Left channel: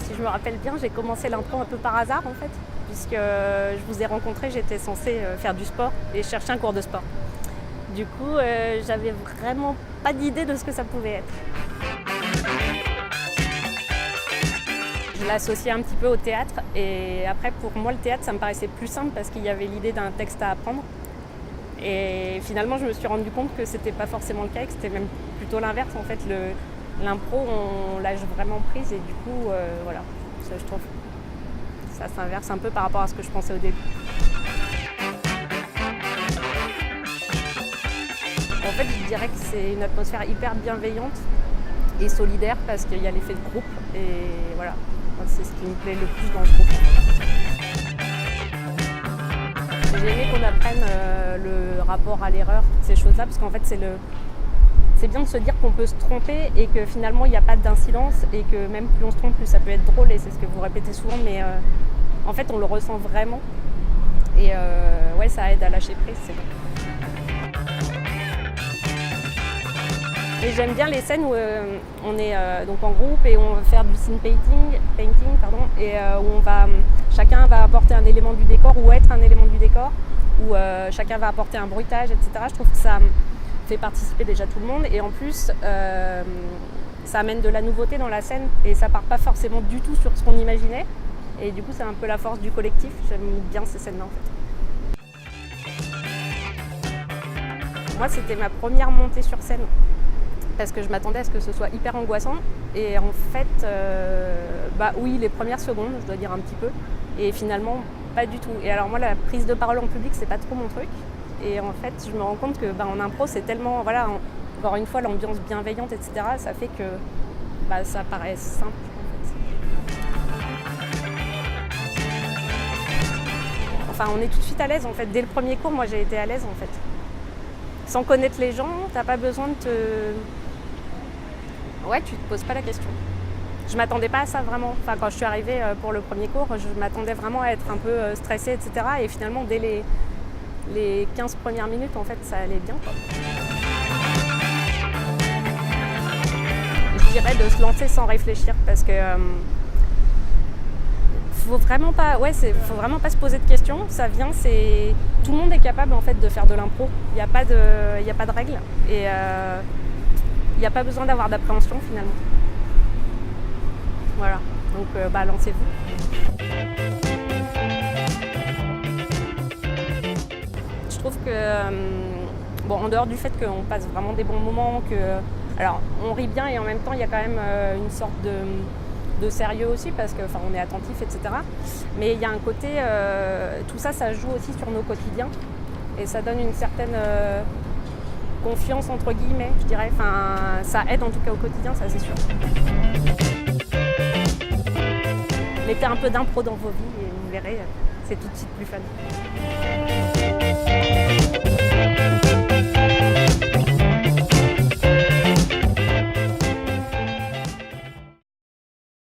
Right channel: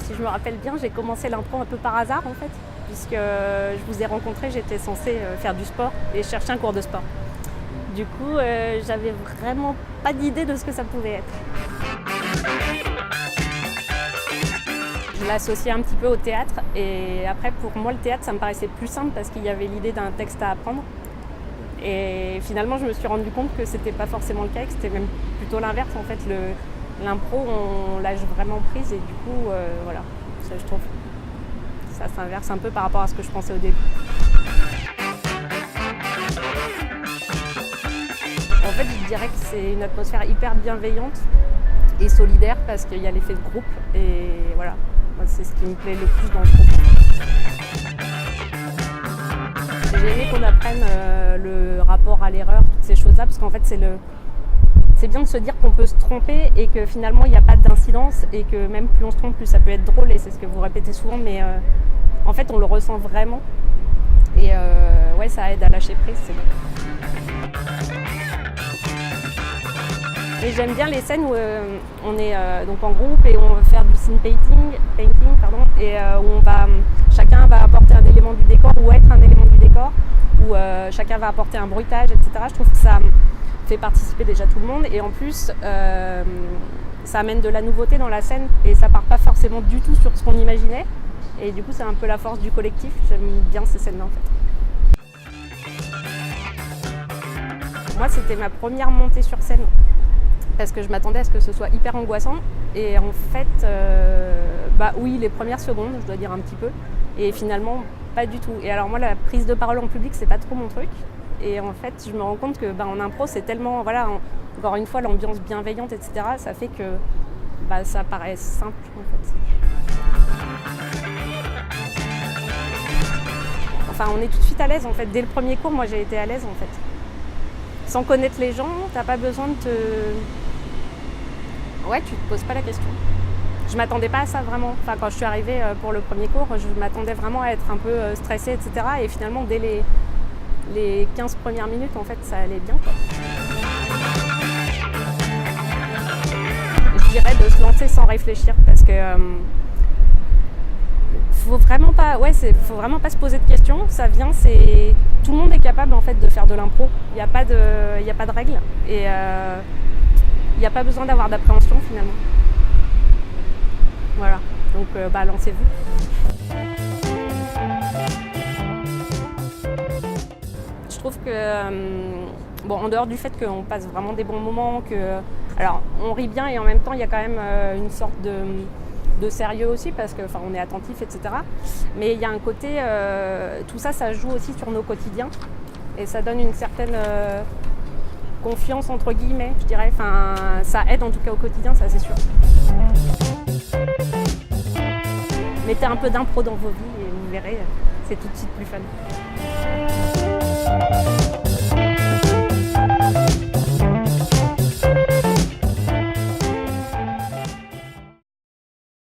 Si je me rappelle bien, j'ai commencé l'impro un peu par hasard en fait, puisque je vous ai rencontré, j'étais censée faire du sport et chercher un cours de sport. Du coup, j'avais vraiment pas d'idée de ce que ça pouvait être. Je l'associais un petit peu au théâtre et après pour moi le théâtre ça me paraissait plus simple parce qu'il y avait l'idée d'un texte à apprendre. Et finalement je me suis rendu compte que c'était pas forcément le cas, que c'était même plutôt l'inverse en fait. L'impro on lâche vraiment prise et du coup voilà, ça je trouve ça s'inverse un peu par rapport à ce que je pensais au début. En fait je dirais que c'est une atmosphère hyper bienveillante et solidaire parce qu'il y a l'effet de groupe et voilà. C'est ce qui me plaît le plus dans le groupe. J'ai aimé qu'on apprenne le rapport à l'erreur, toutes ces choses-là, parce qu'en fait c'est bien de se dire qu'on peut se tromper et que finalement il n'y a pas d'incidence et que même plus on se trompe, plus ça peut être drôle et c'est ce que vous répétez souvent, mais en fait on le ressent vraiment et ouais, ça aide à lâcher prise, c'est bon. Et j'aime bien les scènes où on est donc en groupe et on va faire du scene painting et où chacun va apporter un élément du décor ou être un élément du décor, où chacun va apporter un bruitage, etc. Je trouve que ça fait participer déjà tout le monde et en plus ça amène de la nouveauté dans la scène et ça part pas forcément du tout sur ce qu'on imaginait et du coup c'est un peu la force du collectif. J'aime bien ces scènes-là en fait. Moi c'était ma première montée sur scène. Parce que je m'attendais à ce que ce soit hyper angoissant et en fait, oui, les premières secondes, je dois dire un petit peu, et finalement pas du tout. Et alors moi, la prise de parole en public, c'est pas trop mon truc. Et en fait, je me rends compte que en impro, c'est tellement, voilà, encore une fois, l'ambiance bienveillante, etc. Ça fait que ça paraît simple en fait. Enfin, on est tout de suite à l'aise en fait. Dès le premier cours, moi, j'ai été à l'aise en fait. Sans connaître les gens, t'as pas besoin de Ouais, tu te poses pas la question. Je m'attendais pas à ça vraiment. Enfin, quand je suis arrivée pour le premier cours, je m'attendais vraiment à être un peu stressée, etc. Et finalement, dès les 15 premières minutes, en fait, ça allait bien, quoi. Je dirais de se lancer sans réfléchir parce que faut vraiment pas se poser de questions. Ça vient, tout le monde est capable en fait de faire de l'impro. Il n'y a pas de règles et il n'y a pas besoin d'avoir d'appréhension finalement. Voilà, donc lancez-vous. Je trouve que en dehors du fait qu'on passe vraiment des bons moments, alors on rit bien et en même temps il y a quand même une sorte de sérieux aussi parce que on est attentif, etc. Mais il y a un côté, tout ça, ça joue aussi sur nos quotidiens et ça donne une certaine confiance entre guillemets, je dirais. Enfin, ça aide en tout cas au quotidien, ça c'est sûr. Mettez un peu d'impro dans vos vies et vous verrez, c'est tout de suite plus fun.